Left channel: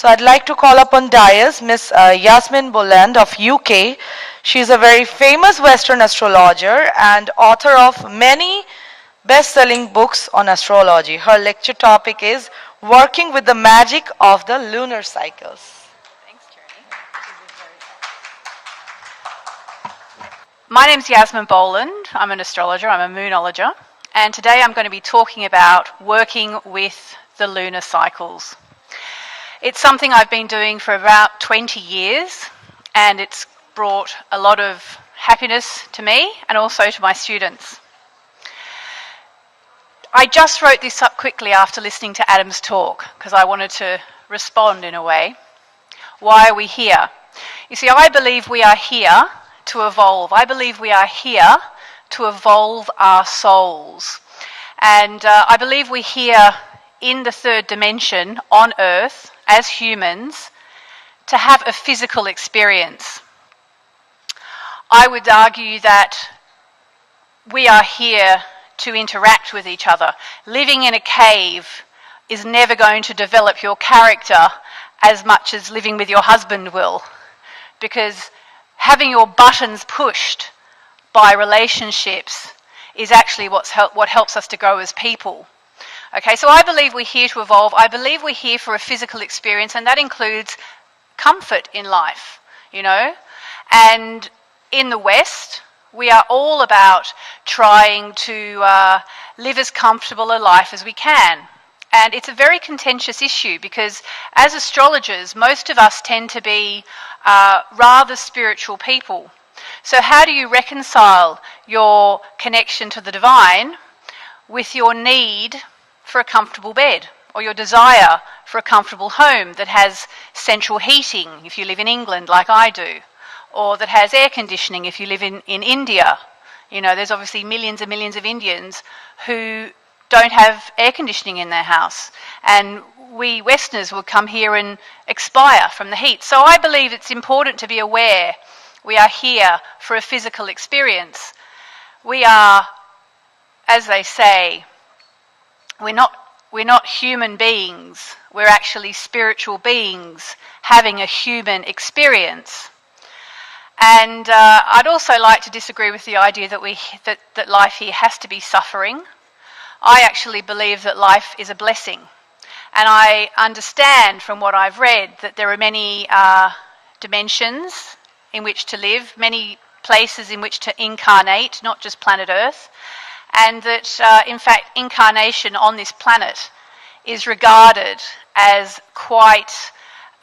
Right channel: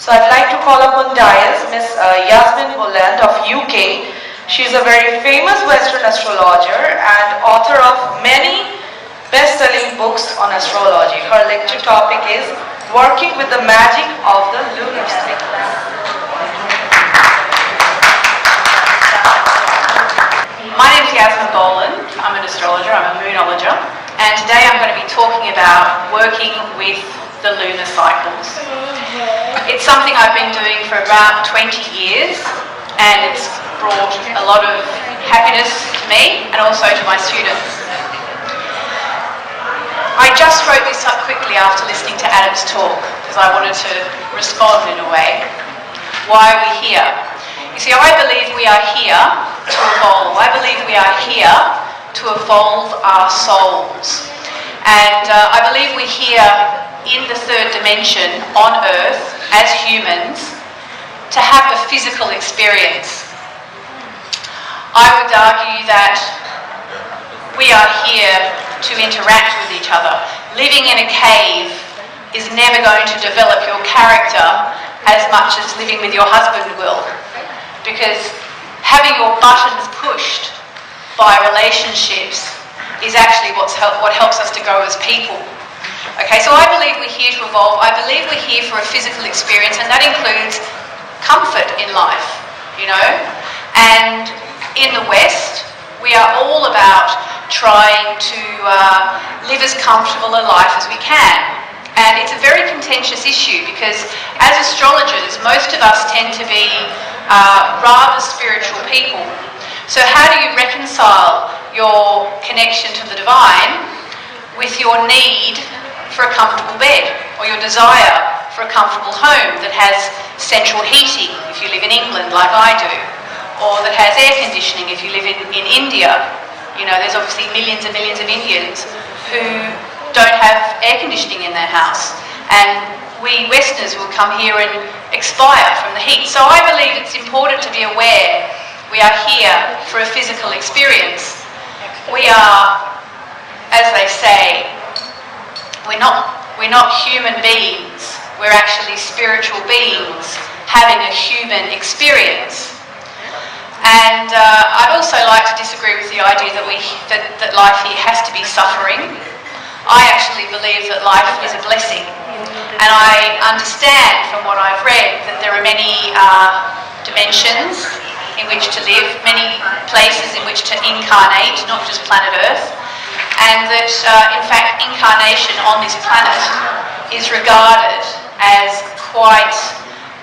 So I'd like to call upon dais Miss Yasmin Boland of UK. She's a very famous Western astrologer and author of many best-selling books on astrology. Her lecture topic is Working with the Magic of the Lunar Cycle. My name is Yasmin Boland. I'm an astrologer, I'm a moonologer, and today I'm going to be talking about working with the lunar cycles. It's something I've been doing for about 20 years, and it's brought a lot of happiness to me and also to my students. I just wrote this up quickly after listening to Adam's talk because I wanted to respond in a way. Why are we here? You see, I believe we are here to evolve. I believe we are here to evolve our souls. And I believe we're here in the third dimension on Earth as humans to have a physical experience. I would argue that we are here to interact with each other. Living in a cave is never going to develop your character as much as living with your husband will, because having your buttons pushed by relationships is actually what helps us to grow as people. Okay, so I believe we're here to evolve. I believe we're here for a physical experience, and that includes comfort in life, you know. And in the West, we are all about trying to live as comfortable a life as we can. And it's a very contentious issue because as astrologers, most of us tend to be rather spiritual people. So how do you reconcile your connection to the divine with your need for a comfortable bed, or your desire for a comfortable home that has central heating if you live in England like I do, or that has air conditioning if you live in India? You know, there's obviously millions and millions of Indians who don't have air conditioning in their house, and we Westerners will come here and expire from the heat. So I believe it's important to be aware we are here for a physical experience. We are, as they say, we're not human beings, we're actually spiritual beings having a human experience. And I'd also like to disagree with the idea that life here has to be suffering. I actually believe that life is a blessing. And I understand from what I've read that there are many dimensions in which to live, many places in which to incarnate, not just planet Earth. And that, in fact, incarnation on this planet is regarded as quite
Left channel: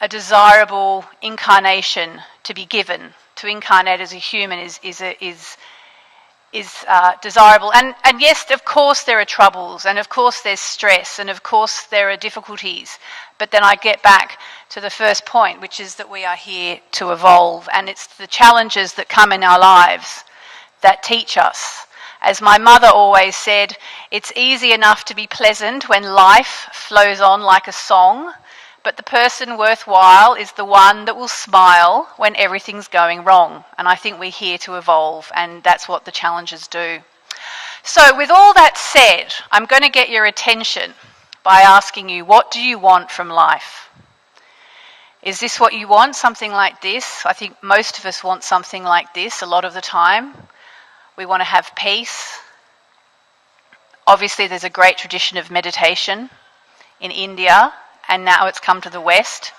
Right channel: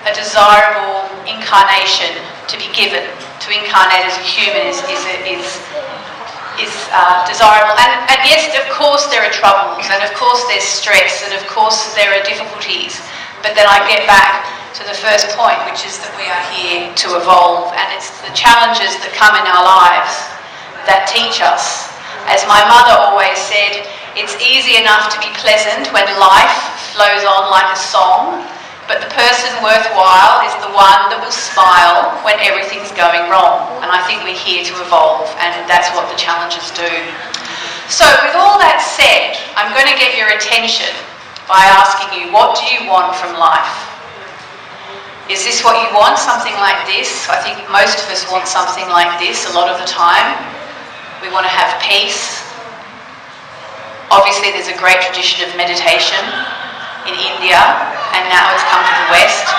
a desirable incarnation to be given. To incarnate as a human is desirable. And yes, of course there are troubles, and of course there's stress, and of course there are difficulties. But then I get back to the first point, which is that we are here to evolve, and it's the challenges that come in our lives that teach us. As my mother always said, it's easy enough to be pleasant when life flows on like a song, but the person worthwhile is the one that will smile when everything's going wrong. And I think we're here to evolve, and that's what the challenges do. So with all that said, I'm going to get your attention by asking you, what do you want from life? Is this what you want, something like this? I think most of us want something like this a lot of the time. We want to have peace. Obviously, there's a great tradition of meditation in India, and now it's come to the West.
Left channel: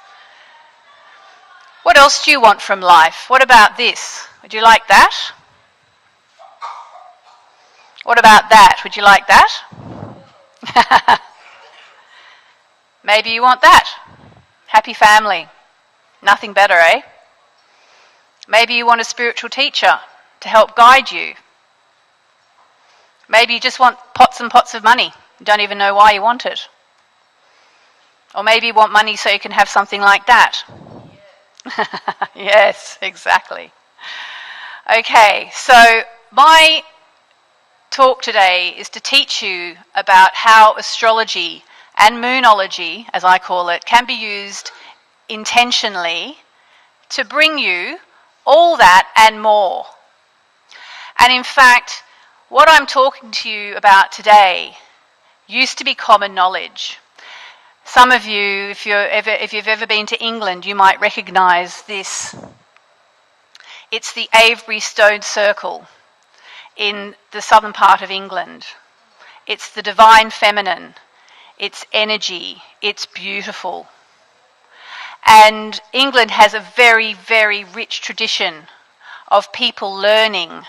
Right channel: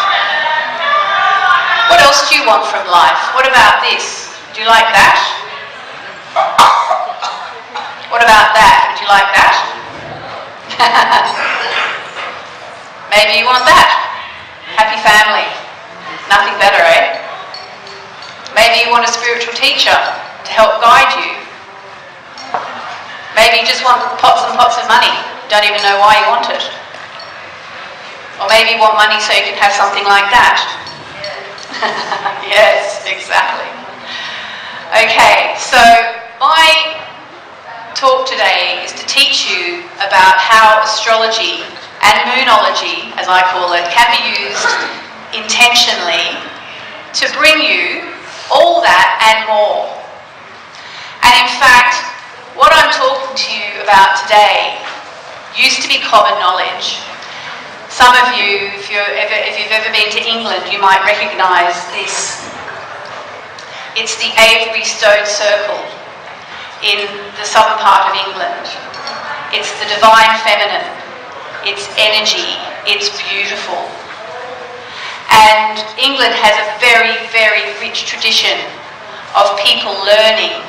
What else do you want from life? What about this? Would you like that? What about that? Would you like that? Maybe you want that. Happy family. Nothing better, eh? Maybe you want a spiritual teacher to help guide you. Maybe you just want pots and pots of money. You don't even know why you want it. Or maybe you want money so you can have something like that. Yes, exactly. Okay, so my talk today is to teach you about how astrology and moonology, as I call it, can be used intentionally to bring you all that and more. And in fact, what I'm talking to you about today used to be common knowledge. Some of you, if you've ever been been to England, you might recognise this. It's the Avery Stone Circle in the southern part of England. It's the divine feminine. It's energy. It's beautiful. And England has a very, very rich tradition of people learning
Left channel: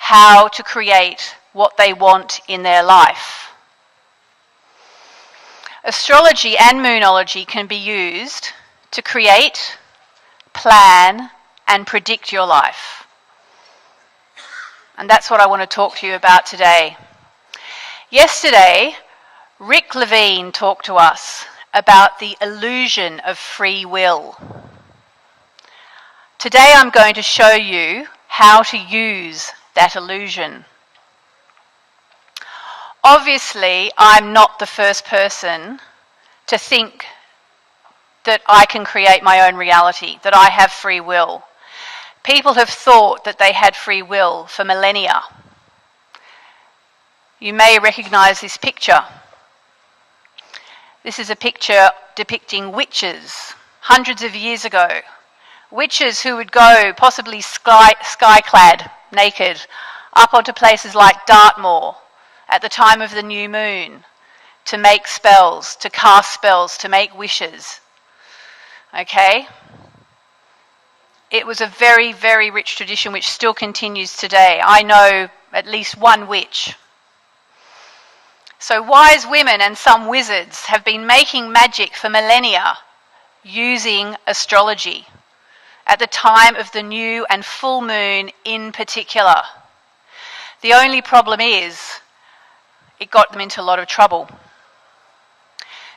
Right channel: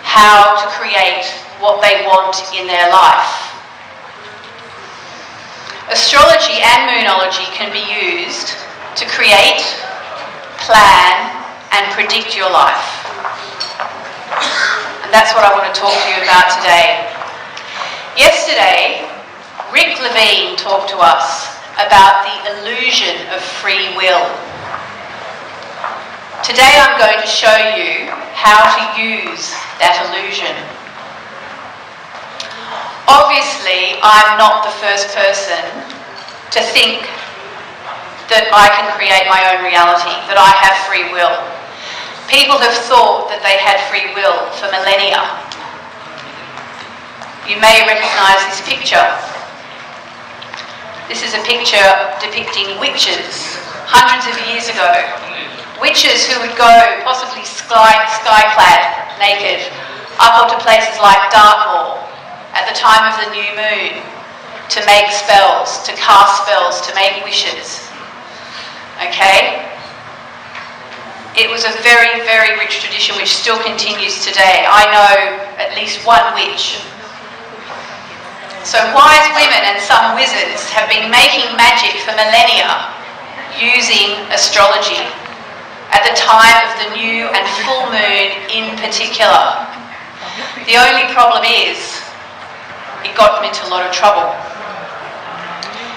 how to create what they want in their life. Astrology and moonology can be used to create, plan, and predict your life. And that's what I want to talk to you about today. Yesterday, Rick Levine talked to us about the illusion of free will. Today I'm going to show you how to use that illusion. Obviously, I'm not the first person to think that I can create my own reality, that I have free will. People have thought that they had free will for millennia. You may recognise this picture. This is a picture depicting witches hundreds of years ago. Witches who would go, possibly sky-clad, naked, up onto places like Dartmoor at the time of the new moon to make spells, to cast spells, to make wishes. Okay? It was a very, very rich tradition which still continues today. I know at least one witch. So wise women and some wizards have been making magic for millennia using astrology at the time of the new and full moon in particular. The only problem is it got them into a lot of trouble.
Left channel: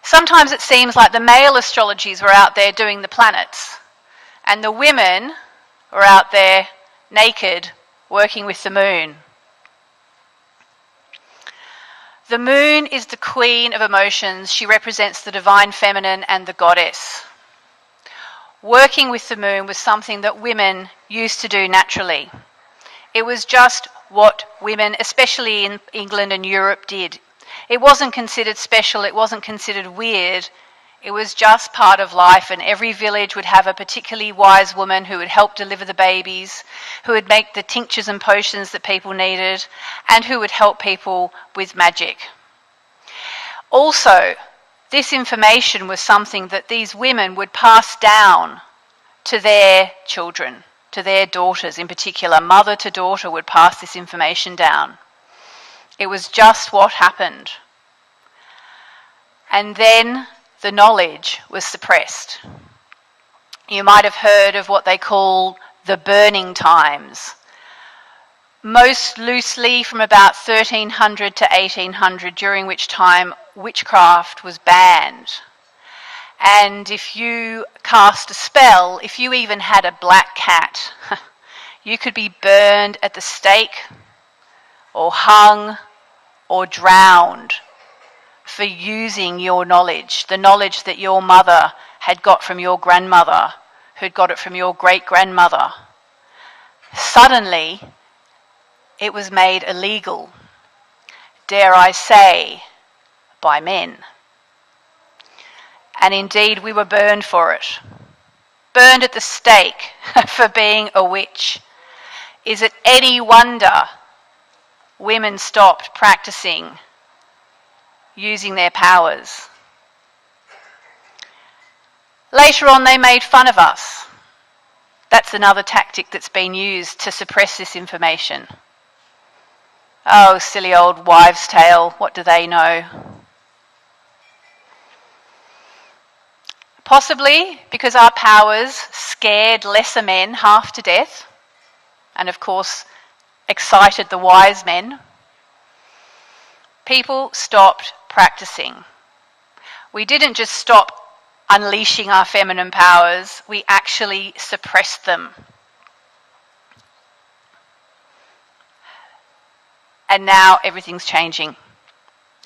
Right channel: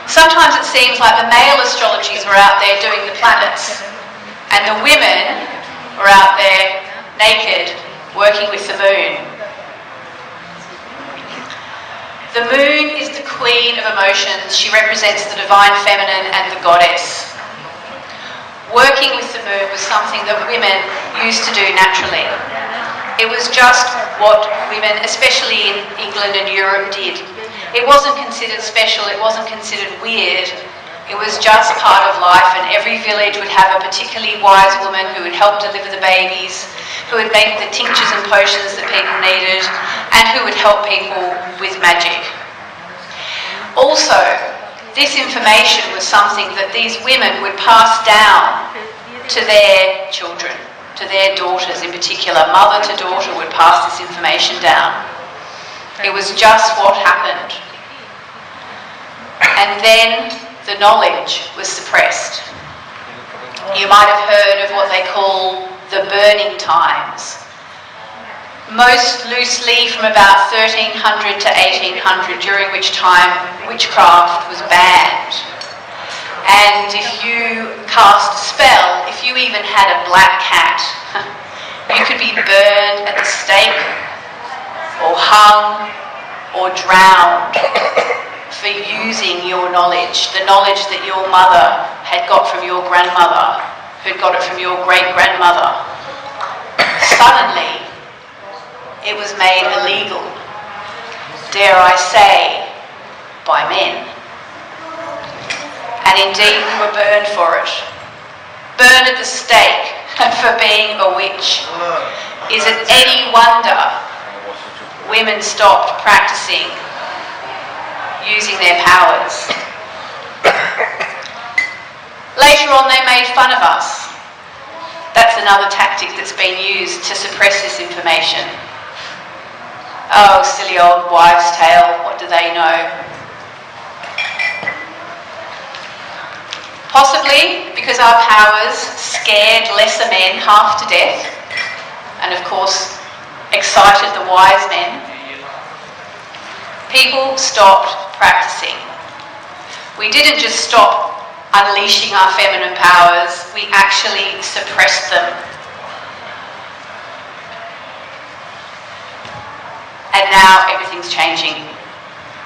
Sometimes it seems like the male astrologies are out there doing the planets and the women are out there naked working with the moon. The moon is the queen of emotions. She represents the divine feminine and the goddess. Working with the moon was something that women used to do naturally. It was just what women, especially in England and Europe, did. It wasn't considered special, it wasn't considered weird. It was just part of life, and every village would have a particularly wise woman who would help deliver the babies, who would make the tinctures and potions that people needed, and who would help people with magic. Also, this information was something that these women would pass down to their children, to their daughters in particular. Mother to daughter would pass this information down. It was just what happened. And then the knowledge was suppressed. You might have heard of what they call the burning times. Most loosely from about 1300 to 1800, during which time witchcraft was banned. And if you cast a spell, if you even had a black cat, you could be burned at the stake, or hung, or drowned for using your knowledge, the knowledge that your mother had got from your grandmother, who got it from your great-grandmother. Suddenly, it was made illegal, dare I say, by men. And indeed, we were burned for it. Burned at the stake for being a witch. Is it any wonder women stopped practicing using their powers? Later on, they made fun of us. That's another tactic that's been used to suppress this information. Oh, silly old wives' tale, what do they know? Possibly because our powers scared lesser men half to death, and of course excited the wise men. People stopped practicing. We didn't just stop unleashing our feminine powers, we actually suppressed them. And now everything's changing.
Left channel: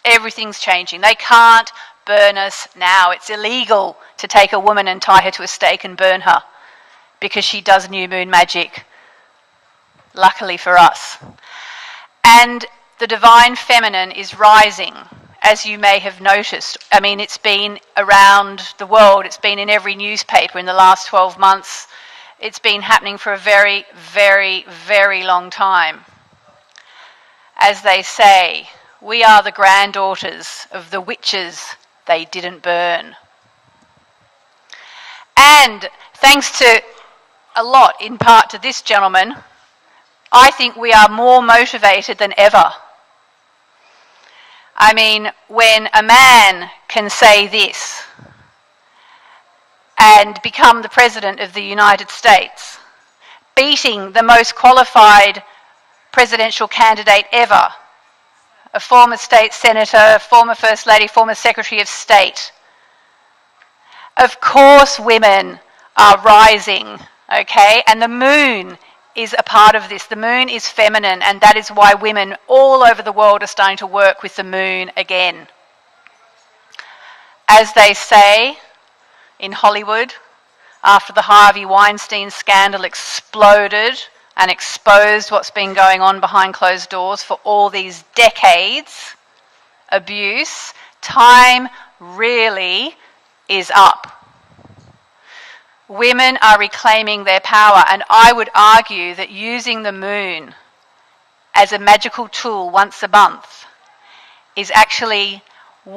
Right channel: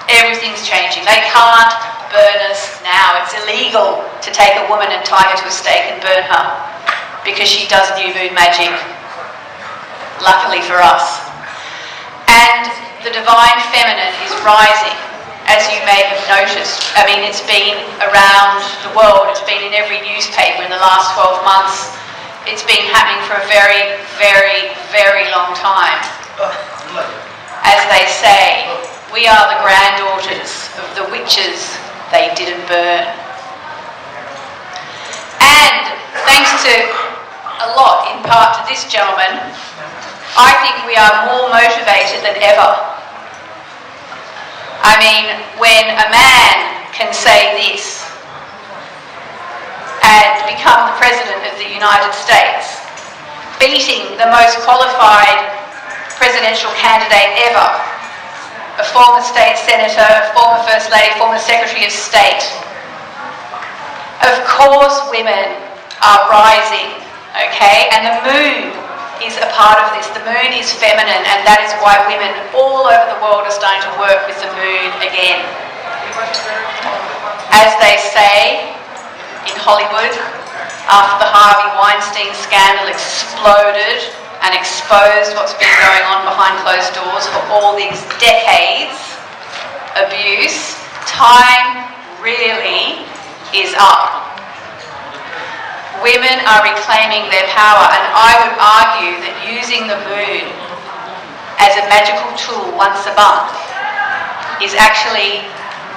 Everything's changing. They can't burn us now. It's illegal to take a woman and tie her to a stake and burn her because she does new moon magic, luckily for us. And the divine feminine is rising, as you may have noticed. I mean, it's been around the world, it's been been in every newspaper in the last 12 months. It's been happening for a very, very, very long time. As they say, we are the granddaughters of the witches they didn't burn. And thanks to a lot, in part to this gentleman, I think we are more motivated than ever. I mean, when a man can say this and become the President of the United States, beating the most qualified presidential candidate ever, a former state senator, former First Lady, former Secretary of State. Of course women are rising, okay? And the moon is a part of this. The moon is feminine, and that is why women all over the world are starting to work with the moon again. As they say in Hollywood, after the Harvey Weinstein scandal exploded and exposed what's been going on behind closed doors for all these decades, abuse, time really is up. Women are reclaiming their power, and I would argue that using the moon as a magical tool once a month is actually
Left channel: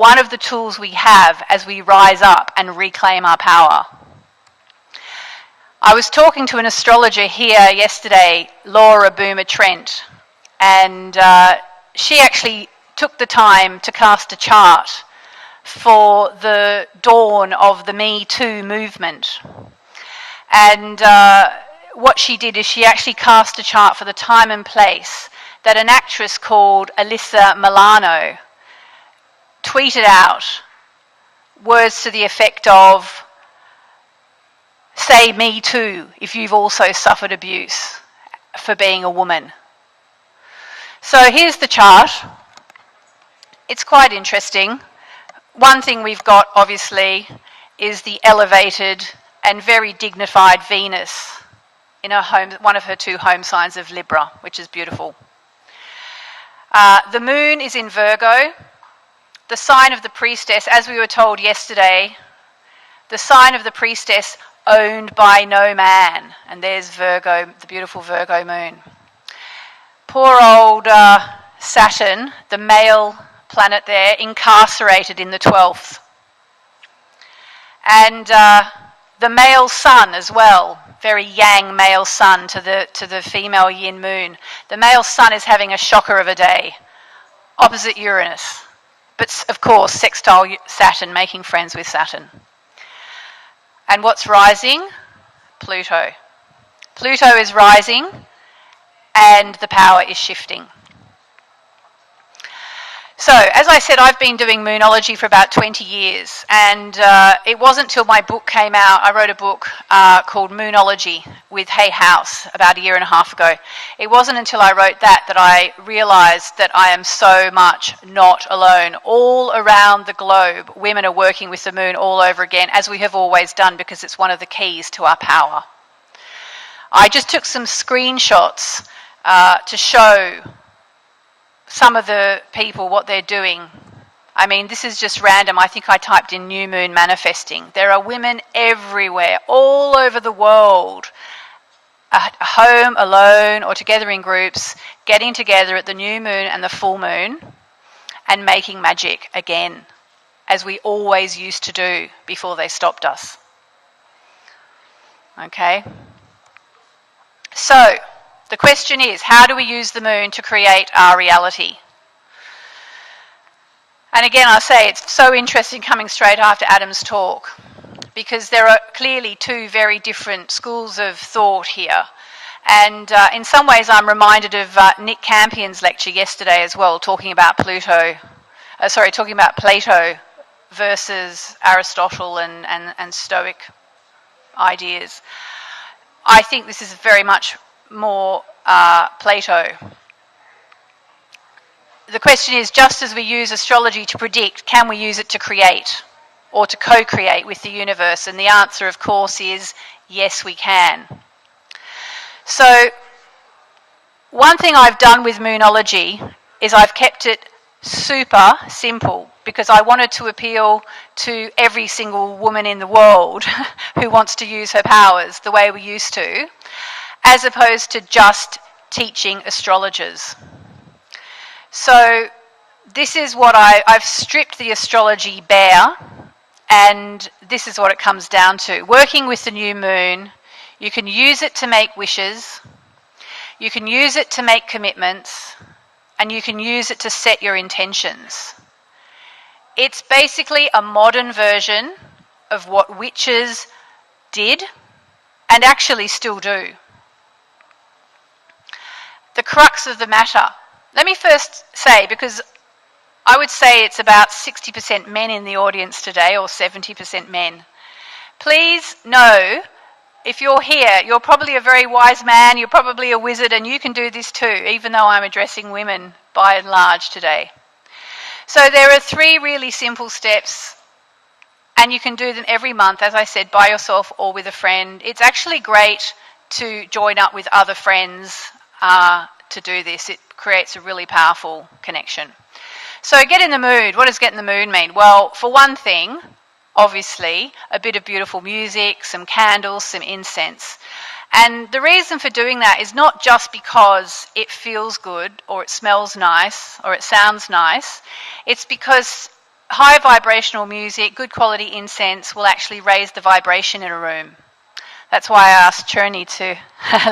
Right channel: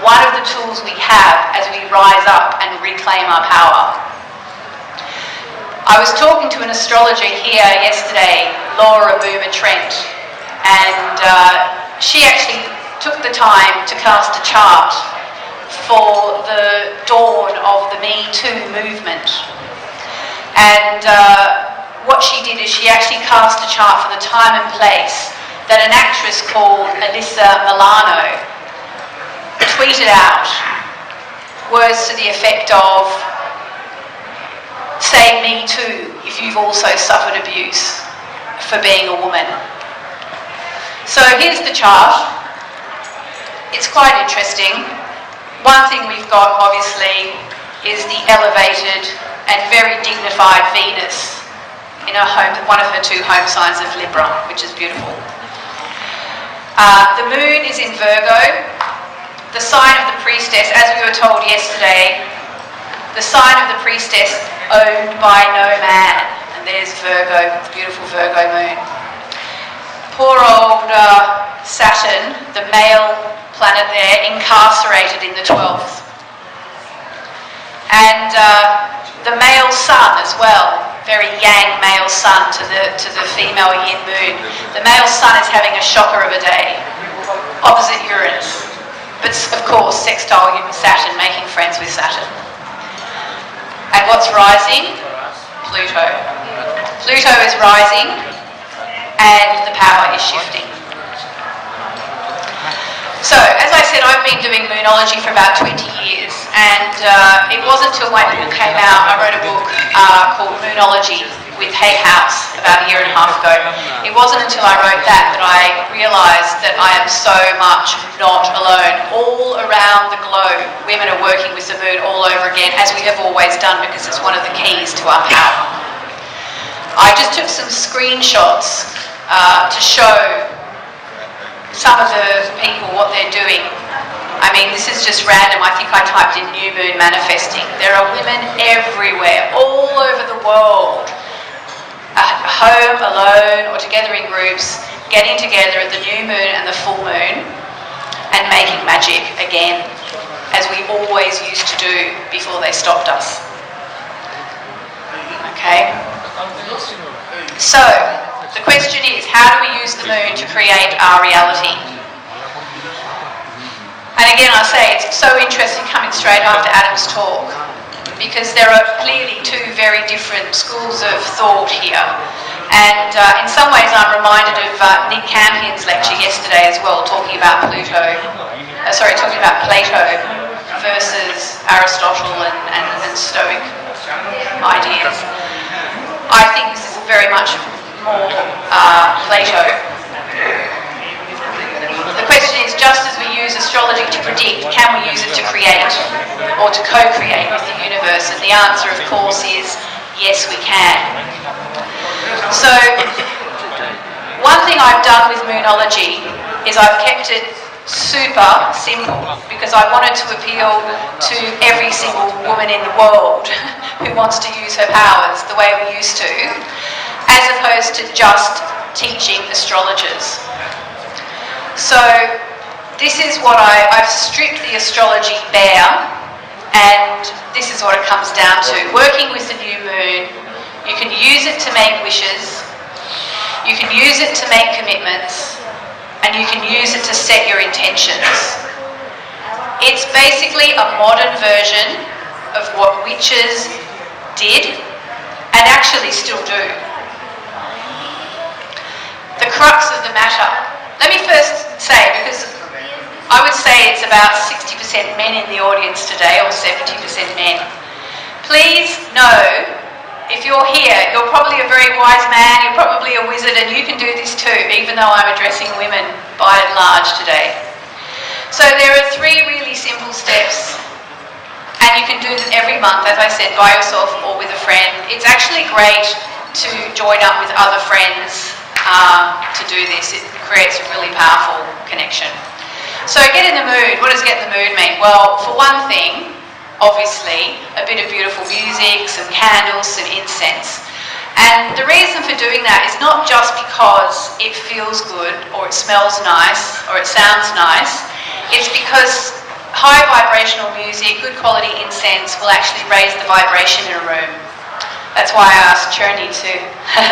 one of the tools we have as we rise up and reclaim our power. I was talking to an astrologer here yesterday, Laura Boomer Trent, and she actually took the time to cast a chart for the dawn of the Me Too movement. And what she did is she actually cast a chart for the time and place that an actress called Alyssa Milano tweeted out words to the effect of, "Say me too if you've also suffered abuse for being a woman." So here's the chart. It's quite interesting. One thing we've got obviously is the elevated and very dignified Venus in her home, one of her two home signs of Libra, which is beautiful. The moon is in Virgo. The sign of the priestess, as we were told yesterday, the sign of the priestess owned by no man. And there's Virgo, beautiful Virgo moon. Poor old Saturn, the male planet there, incarcerated in the 12th. And the male sun as well, very yang male sun to the female yin moon. The male sun is having a shocker of a day, opposite Uranus. But of course, sextile Saturn, making friends with Saturn. And what's rising? Pluto. Pluto is rising, and the power is shifting. So, as I said, I've been doing moonology for about 20 years, and it wasn't until my book came out, I wrote a book called Moonology with Hay House about a year and a half ago. It wasn't until I wrote that I realised that I am so much not alone. All around the globe, women are working with the moon all over again, as we have always done, because it's one of the keys to our power. I just took some screenshots to show some of the people what they're doing. I mean, this is just random. I think I typed in new moon manifesting. There are women everywhere, all over the world, at home, alone, or together in groups, getting together at the new moon and the full moon and making magic again, as we always used to do before they stopped us. Okay? So, the question is, how do we use the moon to create our reality? And again, I say it's so interesting coming straight after Adam's talk, because there are clearly two very different schools of thought here. And in some ways I'm reminded of Nick Campion's lecture yesterday as well, talking about Plato versus Aristotle and Stoic ideas. I think this is very much more Plato. The question is, just as we use astrology to predict, can we use it to create or to co-create with the universe? And the answer, of course, is yes, we can. So, one thing I've done with moonology is I've kept it super simple because I wanted to appeal to every single woman in the world who wants to use her powers the way we used to, as opposed to just teaching astrologers. So this is what I've stripped the astrology bare, and this is what it comes down to. Working with the new moon, you can use it to make wishes, you can use it to make commitments, and you can use it to set your intentions. It's basically a modern version of what witches did and actually still do. The crux of the matter. Let me first say, because I would say it's about 60% men in the audience today, or 70% men. Please know, if you're here, you're probably a very wise man, you're probably a wizard, and you can do this too, even though I'm addressing women by and large today. So there are 3 really simple steps, and you can do them every month, as I said, by yourself or with a friend. It's actually great to join up with other friends to do this. It creates a really powerful connection. So get in the mood. What does get in the mood mean? Well, for one thing, obviously, a bit of beautiful music, some candles, some incense. And the reason for doing that is not just because it feels good, or it smells nice, or it sounds nice. It's because high vibrational music, good quality incense will actually raise the vibration in a room. That's why I asked Cherny to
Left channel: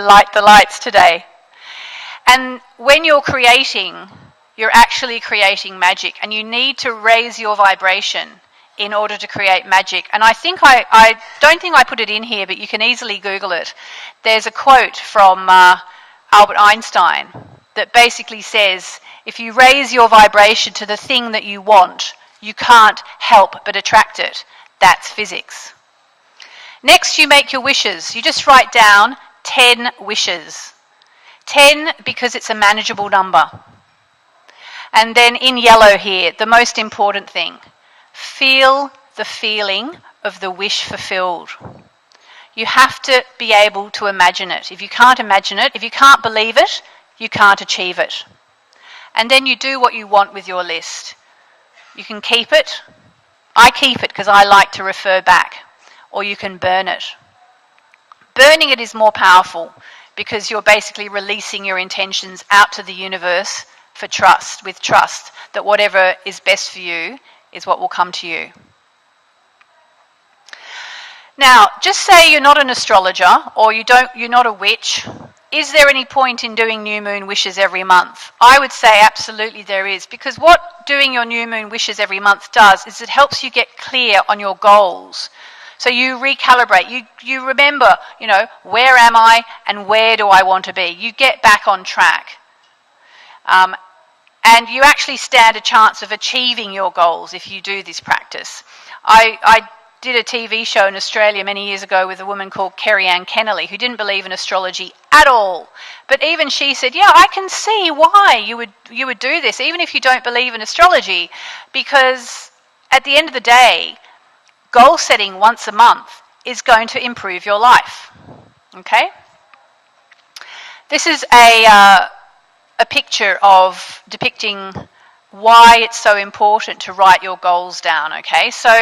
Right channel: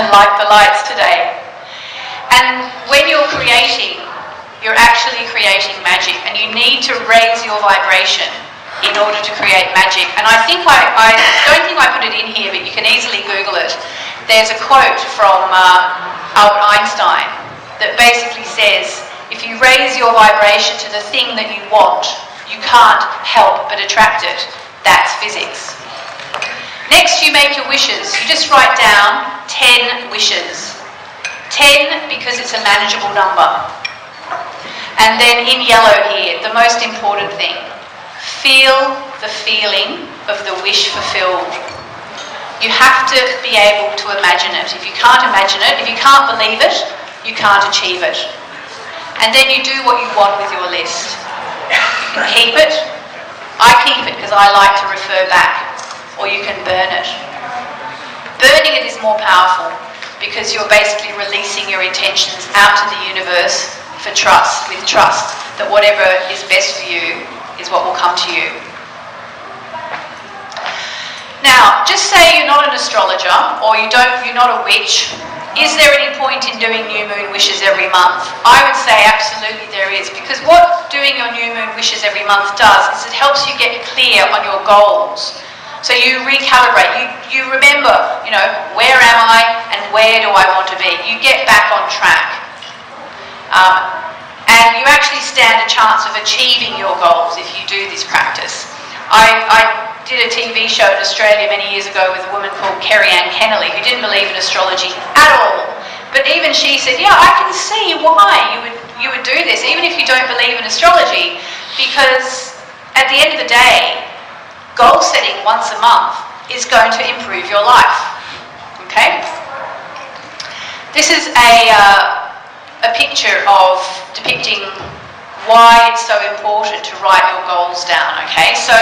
light the lights today. And when you're creating, you're actually creating magic, and you need to raise your vibration in order to create magic. And I think I don't think I put it in here, but you can easily Google it. There's a quote from Albert Einstein that basically says, if you raise your vibration to the thing that you want, you can't help but attract it. That's physics. Next, you make your wishes. You just write down 10 wishes. 10 because it's a manageable number. And then in yellow here, the most important thing. Feel the feeling of the wish fulfilled. You have to be able to imagine it. If you can't imagine it, if you can't believe it, you can't achieve it. And then you do what you want with your list. You can keep it. I keep it because I like to refer back. Or you can burn it. Burning it is more powerful because you're basically releasing your intentions out to the universe for trust, with trust that whatever is best for you is what will come to you. Now, just say you're not an astrologer or you're not a witch. Is there any point in doing new moon wishes every month? I would say absolutely there is, because what doing your new moon wishes every month does is it helps you get clear on your goals. So you recalibrate, you remember, where am I and where do I want to be? You get back on track. And you actually stand a chance of achieving your goals if you do this practice. I did a TV show in Australia many years ago with a woman called Kerry Ann Kennelly who didn't believe in astrology at all. But even she said, yeah, I can see why you would do this, even if you don't believe in astrology, because at the end of the day, goal setting once a month is going to improve your life. Okay? This is a picture of depicting why it's so important to write your goals down. Okay? So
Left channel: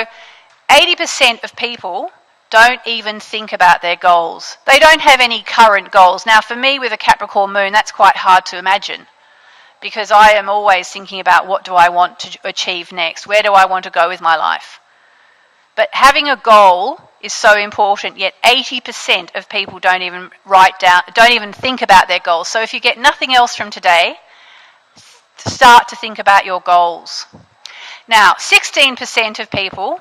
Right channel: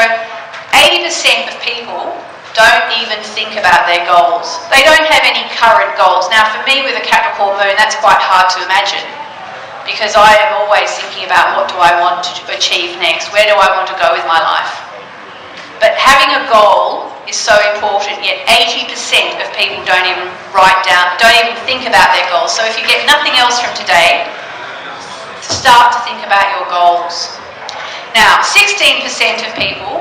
80% of people don't even think about their goals. They don't have any current goals. Now for me with a Capricorn moon, that's quite hard to imagine, because I am always thinking about what do I want to achieve next, where do I want to go with my life. But having a goal is so important, yet 80% of people don't even write down, don't even think about their goals. So if you get nothing else from today, start to think about your goals. Now, 16% of people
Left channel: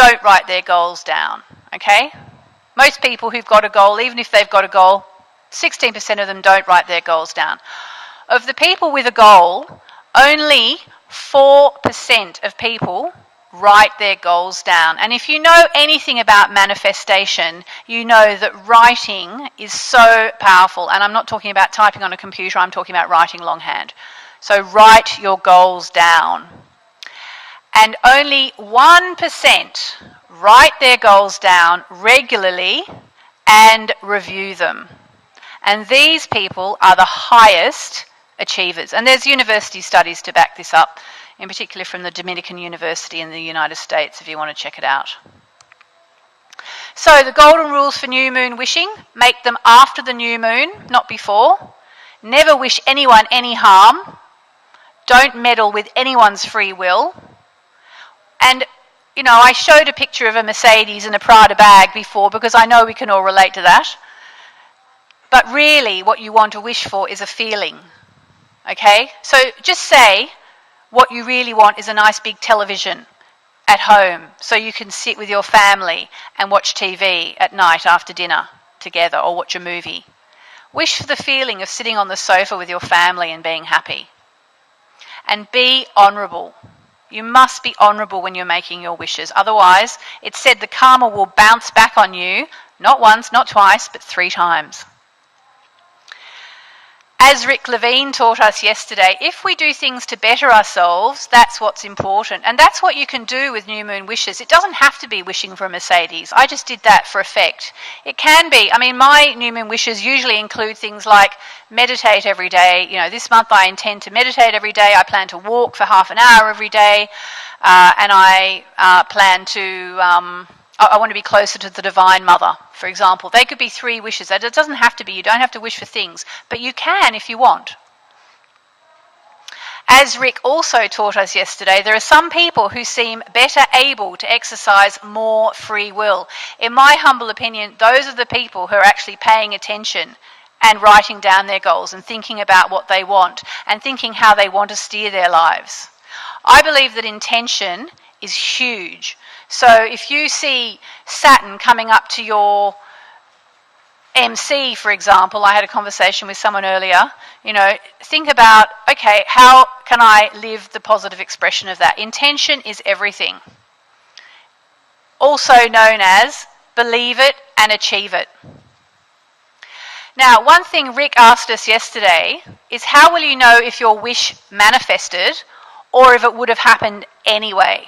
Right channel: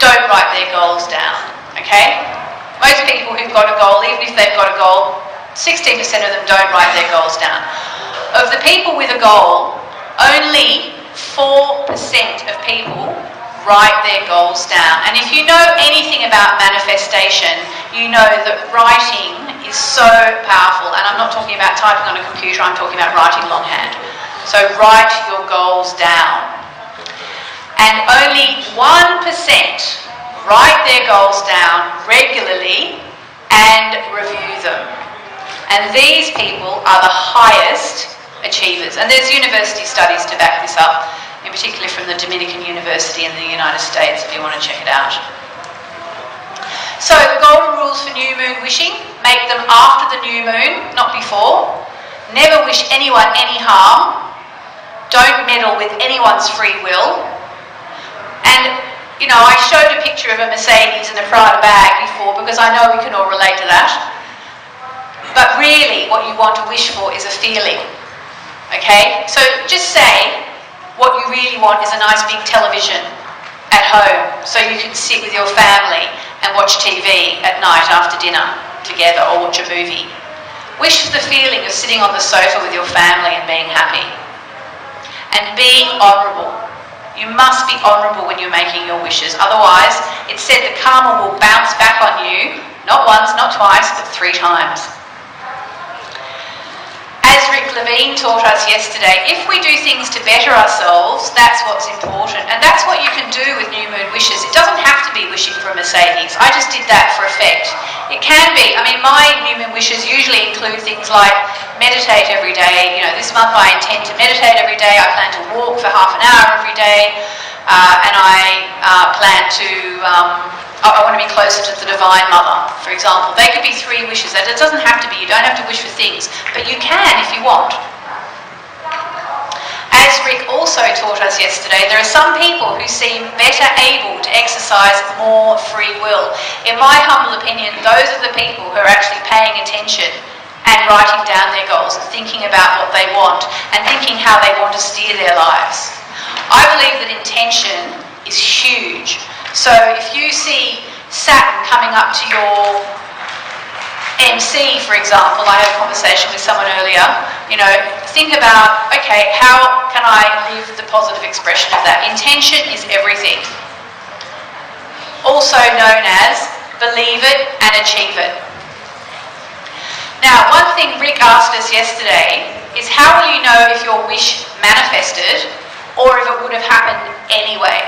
don't write their goals down, okay? Most people who've got a goal, even if they've got a goal, 16% of them don't write their goals down. Of the people with a goal, only 4% of people write their goals down. And if you know anything about manifestation, you know that writing is so powerful. And I'm not talking about typing on a computer, I'm talking about writing longhand. So write your goals down. And only 1% write their goals down regularly and review them. And these people are the highest achievers. And there's university studies to back this up, in particular from the Dominican University in the United States, if you want to check it out. So the golden rules for new moon wishing: make them after the new moon, not before. Never wish anyone any harm. Don't meddle with anyone's free will. And, you know, I showed a picture of a Mercedes in a Prada bag before because I know we can all relate to that. But really, what you want to wish for is a feeling. Okay? So just say what you really want is a nice big television at home so you can sit with your family and watch TV at night after dinner together or watch a movie. Wish for the feeling of sitting on the sofa with your family and being happy. And be honourable. You must be honourable when you're making your wishes. Otherwise, it's said that karma will bounce back on you, not once, not twice, but 3 times. As Rick Levine taught us yesterday, if we do things to better ourselves, that's what's important. And that's what you can do with new moon wishes. It doesn't have to be wishing for a Mercedes. I just did that for effect. It can be. I mean, my new moon wishes usually include things like meditate every day. You know, this month I intend to meditate every day. I plan to walk for half an hour every day. And I plan to... I want to be closer to the Divine Mother, for example. They could be 3 wishes. It doesn't have to be. You don't have to wish for things. But you can if you want. As Rick also taught us yesterday, there are some people who seem better able to exercise more free will. In my humble opinion, those are the people who are actually paying attention and writing down their goals and thinking about what they want and thinking how they want to steer their lives. I believe that intention is huge. So if you see Saturn coming up to your MC, for example, I had a conversation with someone earlier, you know, think about, okay, how can I live the positive expression of that? Intention is everything. Also known as believe it and achieve it. Now, one thing Rick asked us yesterday is how will you know if your wish manifested or if it would have happened anyway?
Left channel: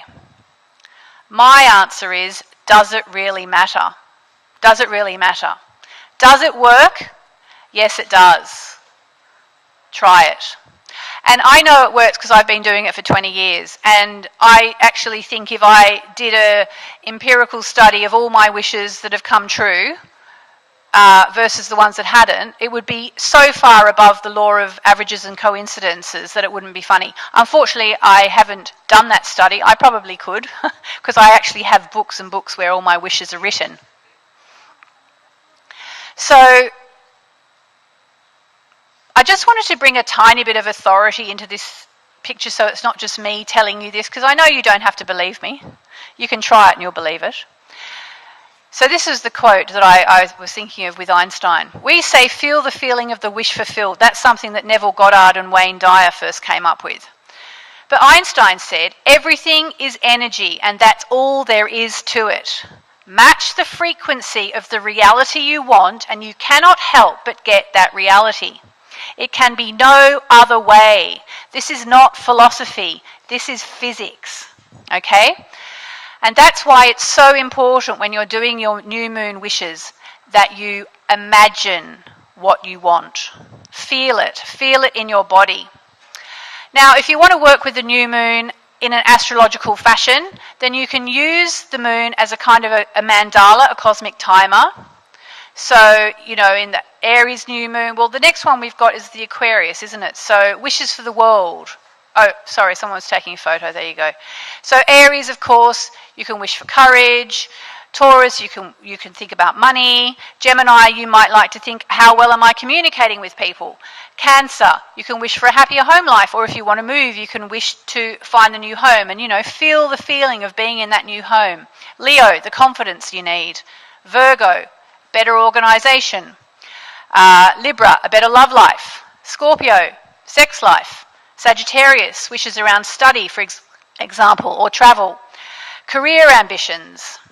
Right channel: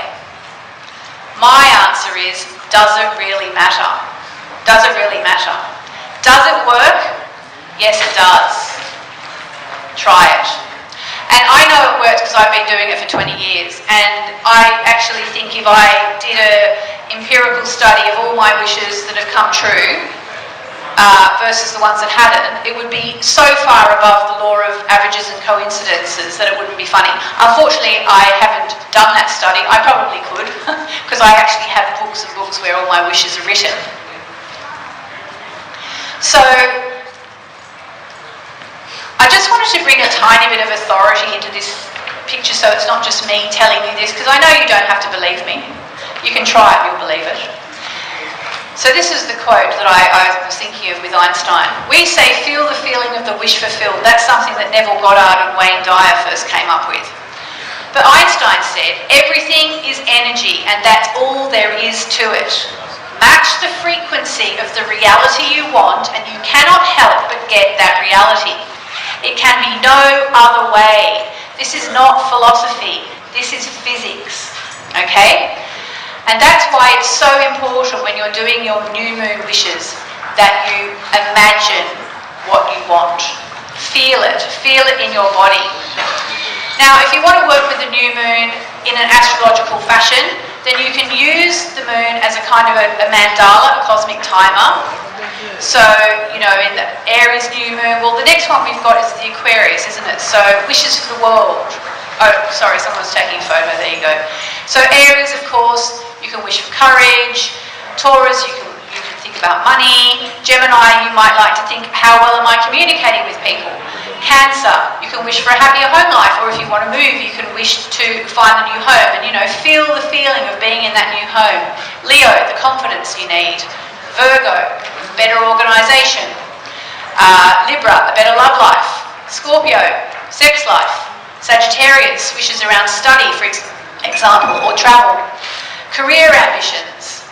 My answer is, does it really matter? Does it really matter? Does it work? Yes, it does. Try it. And I know it works because I've been doing it for 20 years. And I actually think if I did an empirical study of all my wishes that have come true versus the ones that hadn't, it would be so far above the law of averages and coincidences that it wouldn't be funny. Unfortunately, I haven't done that study. I probably could, because I actually have books and books where all my wishes are written. So, I just wanted to bring a tiny bit of authority into this picture so it's not just me telling you this, because I know you don't have to believe me. You can try it, you'll believe it. So this is the quote that I was thinking of with Einstein. We say, feel the feeling of the wish fulfilled. That's something that Neville Goddard and Wayne Dyer first came up with. But Einstein said, everything is energy, and that's all there is to it. Match the frequency of the reality you want, and you cannot help but get that reality. It can be no other way. This is not philosophy. This is physics. Okay? And that's why it's so important when you're doing your new moon wishes that you imagine what you want. Feel it in your body. Now, if you want to work with the new moon in an astrological fashion, then you can use the moon as a kind of a mandala, a cosmic timer. So, you know, in the Aries new moon, well, the next one we've got is the Aquarius, isn't it? So, wishes for the world. Oh, sorry, someone's taking a photo, there you go. So Aries, of course, you can wish for courage. Taurus, you can think about money. Gemini, you might like to think, how well am I communicating with people? Cancer, you can wish for a happier home life, or if you want to move, you can wish to find a new home and, you know, feel the feeling of being in that new home. Leo, the confidence you need. Virgo, better organisation. Libra, a better love life. Scorpio, sex life. Sagittarius, wishes around study, for example, or travel. Career ambitions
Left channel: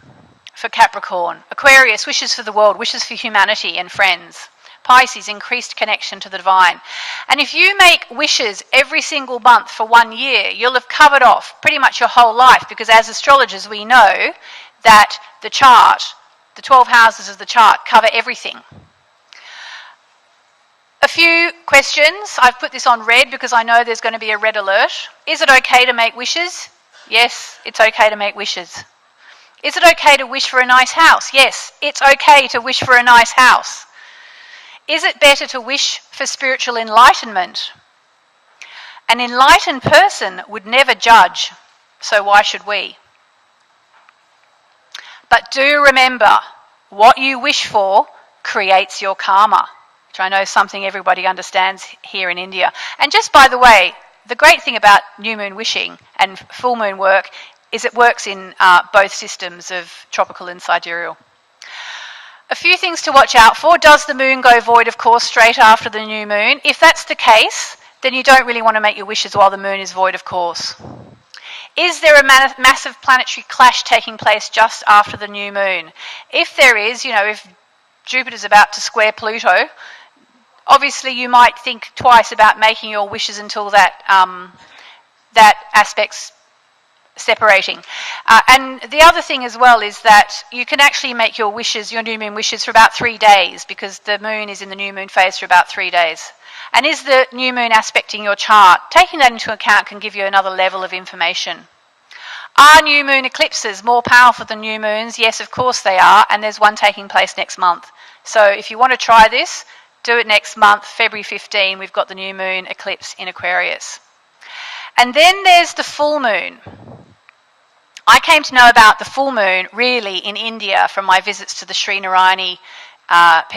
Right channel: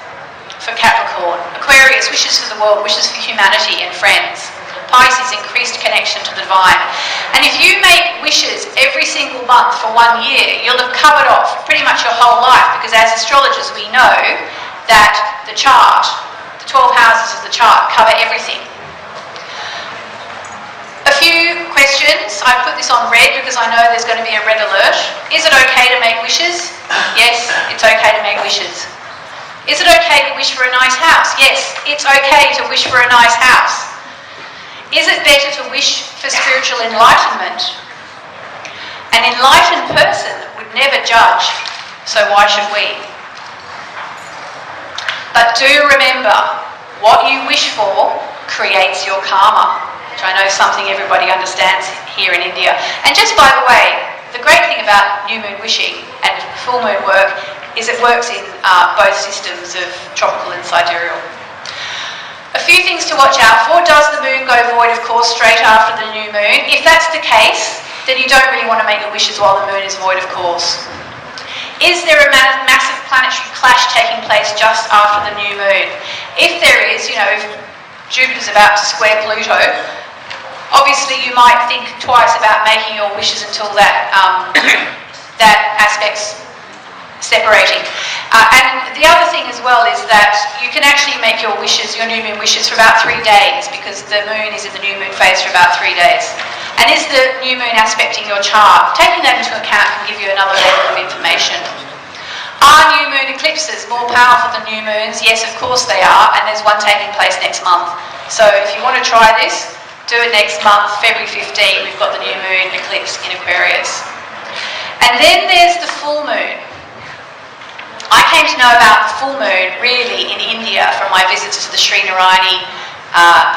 for Capricorn. Aquarius, wishes for the world, wishes for humanity and friends. Pisces, increased connection to the divine. And if you make wishes every single month for 1 year, you'll have covered off pretty much your whole life, because as astrologers we know that the chart, the 12 houses of the chart cover everything. A few questions. I put this on red because I know there's going to be a red alert. Is it okay to make wishes? Yes, it's okay to make wishes. Is it okay to wish for a nice house? Yes, it's okay to wish for a nice house. Is it better to wish for spiritual enlightenment? An enlightened person would never judge, so why should we? But do remember, what you wish for creates your karma, which I know is something everybody understands here in India. And just by the way, the great thing about new moon wishing and full moon work is it works in both systems of tropical and sidereal. A few things to watch out for. Does the moon go void, of course, straight after the new moon? If that's the case, then you don't really want to make your wishes while the moon is void, of course. Is there a massive planetary clash taking place just after the new moon? If there is, if Jupiter's about to square Pluto, obviously you might think twice about making your wishes until that aspect's separating. And the other thing as well is that you can actually make your wishes, your new moon wishes, for about 3 days, because the moon is in the new moon phase for about 3 days. And is the new moon aspecting your chart? Taking that into account can give you another level of information. Are new moon eclipses more powerful than new moons? Yes, of course they are, and there's one taking place next month. So if you want to try this, do it next month, February 15, we've got the new moon eclipse in Aquarius. And then there's the full moon. I came to know about the full moon really in India from my visits to the Srinarayani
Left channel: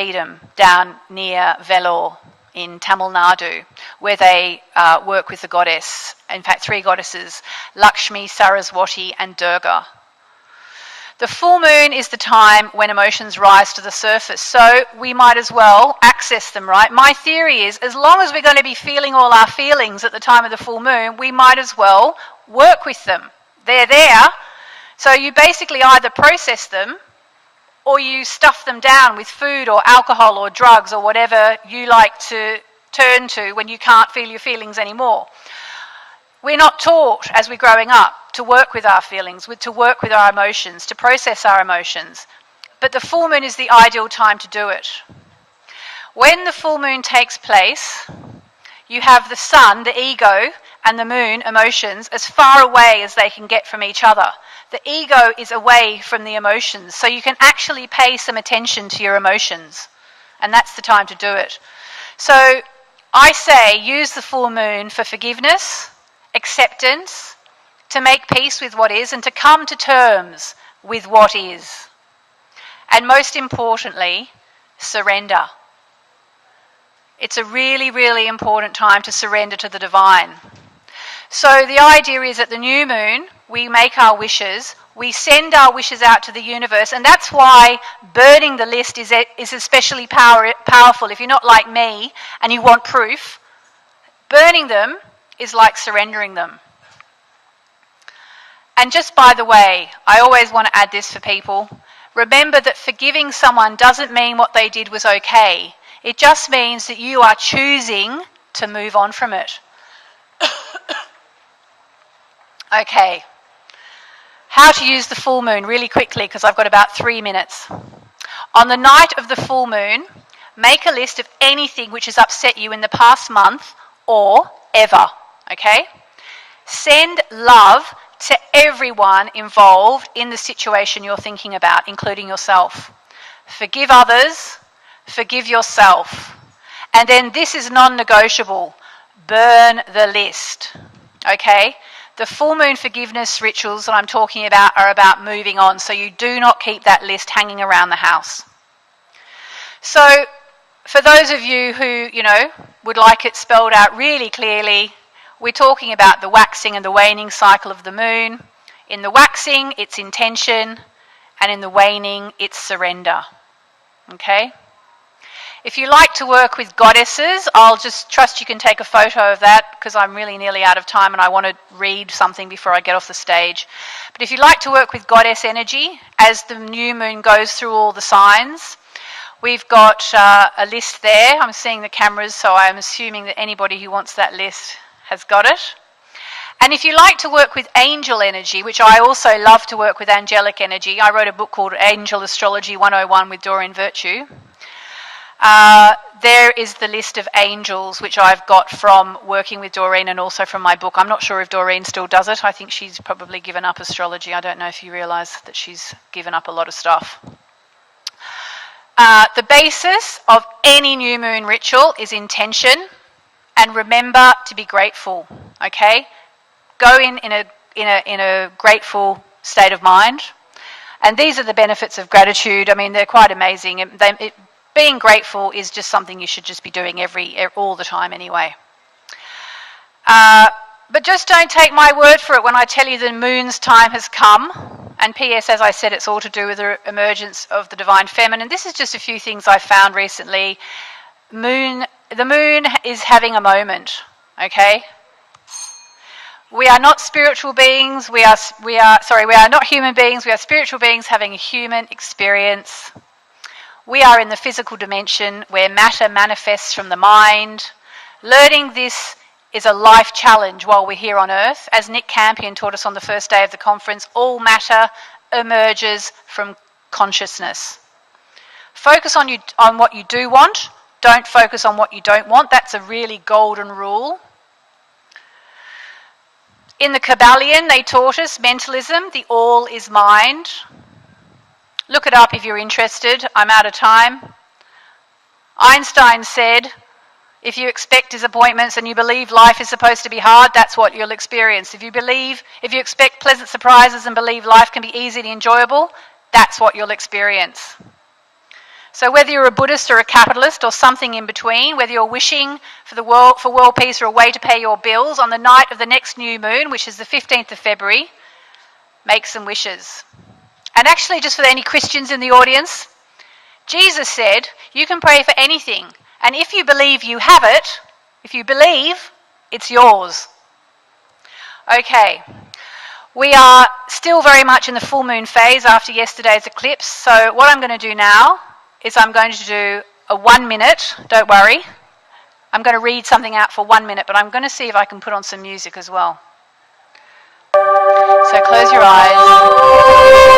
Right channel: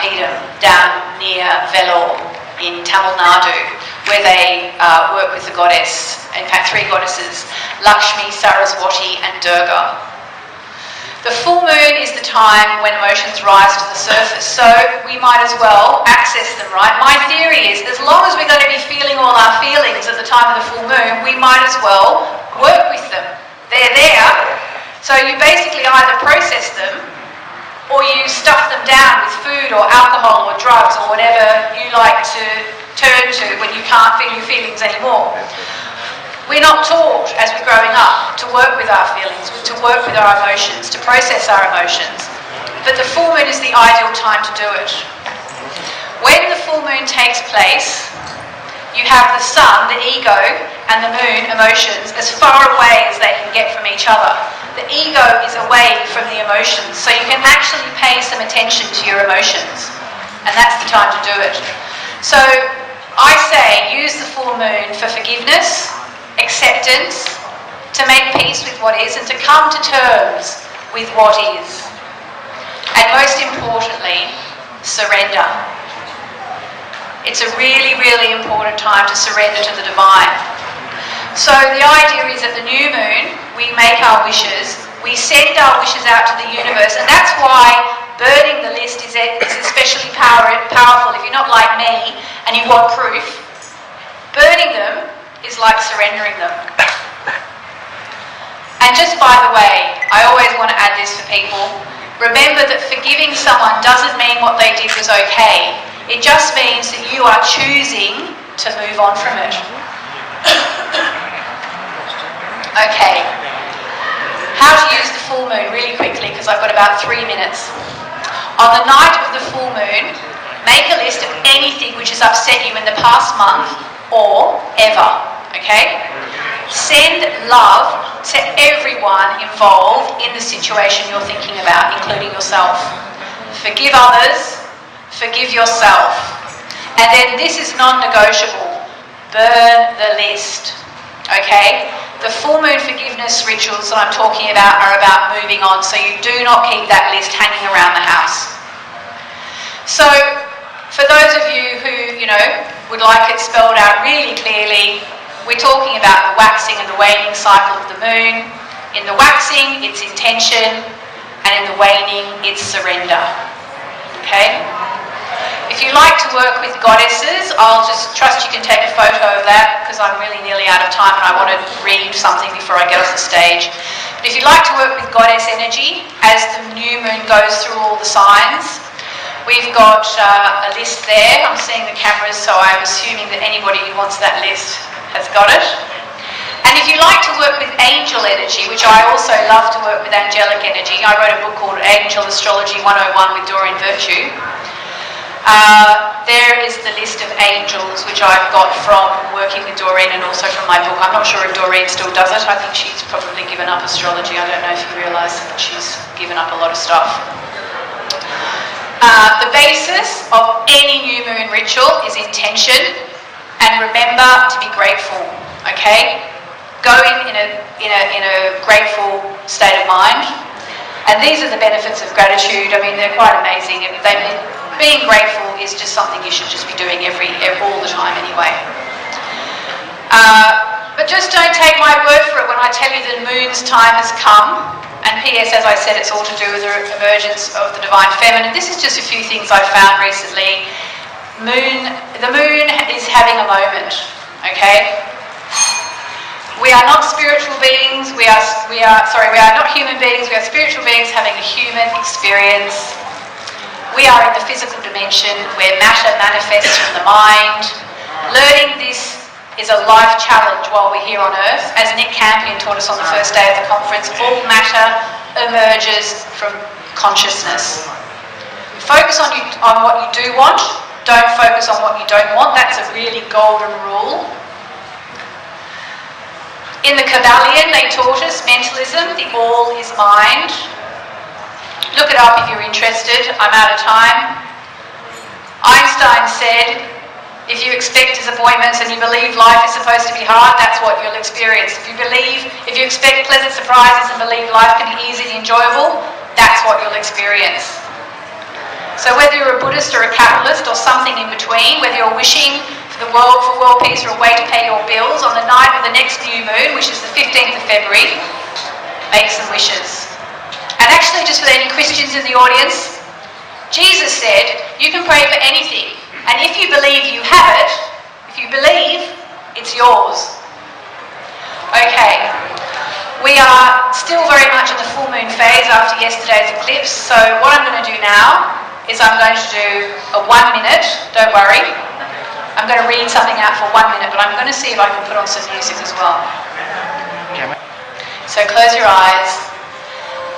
Peedam down near Vellore in Tamil Nadu, where they work with the goddess, in fact 3 goddesses, Lakshmi, Saraswati and Durga. The full moon is the time when emotions rise to the surface, so we might as well access them, right? My theory is, as long as we're going to be feeling all our feelings at the time of the full moon, we might as well work with them. They're there, so you basically either process them or you stuff them down with food or alcohol or drugs or whatever you like to turn to when you can't feel your feelings anymore. We're not taught as we're growing up to work with our feelings, to work with our emotions, to process our emotions. But the full moon is the ideal time to do it. When the full moon takes place, you have the sun, the ego, and the moon, emotions, as far away as they can get from each other. The ego is away from the emotions, so you can actually pay some attention to your emotions. And that's the time to do it. So I say use the full moon for forgiveness, acceptance, to make peace with what is, and to come to terms with what is. And most importantly, surrender. It's a really, really important time to surrender to the divine. So the idea is at the new moon, we make our wishes, we send our wishes out to the universe, and that's why burning the list is especially powerful. If you're not like me and you want proof, burning them is like surrendering them. And just by the way, I always want to add this for people. Remember that forgiving someone doesn't mean what they did was okay. It just means that you are choosing to move on from it. Okay. How to use the full moon really quickly, because I've got about 3 minutes. On the night of the full moon, make a list of anything which has upset you in the past month or ever. Okay? Send love to everyone involved in the situation you're thinking about, including yourself. Forgive others, forgive yourself. And then this is non-negotiable. Burn the list. Okay? The full moon forgiveness rituals that I'm talking about are about moving on, so you do not keep that list hanging around the house. So, for those of you who, would like it spelled out really clearly, we're talking about the waxing and the waning cycle of the moon. In the waxing, it's intention, and in the waning, it's surrender. Okay? If you like to work with goddesses, I'll just trust you can take a photo of that, because I'm really nearly out of time and I want to read something before I go off the stage. But if you like to work with goddess energy, as the new moon goes through all the signs, we've got a list there. I'm seeing the cameras, so I'm assuming that anybody who wants that list has got it. And if you like to work with angel energy, which I also love to work with angelic energy, I wrote a book called Angel Astrology 101 with Doreen Virtue. There is the list of angels which I've got from working with Doreen and also from my book. I'm not sure if Doreen still does it. I think she's probably given up astrology. I don't know if you realise that she's given up a lot of stuff. The basis of any new moon ritual is intention, and remember to be grateful. Okay, going in a grateful state of mind, and these are the benefits of gratitude. I mean, they're quite amazing. Being grateful is just something you should just be doing all the time anyway. But just don't take my word for it when I tell you the moon's time has come. And P.S., as I said, it's all to do with the emergence of the divine feminine. This is just a few things I've found recently. The moon is having a moment, okay? We are not spiritual beings. We are not human beings. We are spiritual beings having a human experience. We are in the physical dimension where matter manifests from the mind. Learning this is a life challenge while we're here on Earth. As Nick Campion taught us on the first day of the conference, all matter emerges from consciousness. Focus on what you do want. Don't focus on what you don't want. That's a really golden rule. In the Kabbalion, they taught us mentalism, the all is mind. Look it up if you're interested. I'm out of time. Einstein said, if you expect disappointments and you believe life is supposed to be hard, that's what you'll experience. If you expect pleasant surprises and believe life can be easy and enjoyable, that's what you'll experience. So whether you're a Buddhist or a capitalist or something in between, whether you're wishing for world peace or a way to pay your bills, on the night of the next new moon, which is the 15th of February, make some wishes. And actually, just for any Christians in the audience, Jesus said, you can pray for anything. And if you believe you have it, if you believe, it's yours. Okay. We are still very much in the full moon phase after yesterday's eclipse. So what I'm going to do now is I'm going to do a 1 minute, don't worry. I'm going to read something out for 1 minute, but I'm going to see if I can put on some music as well. So close your eyes.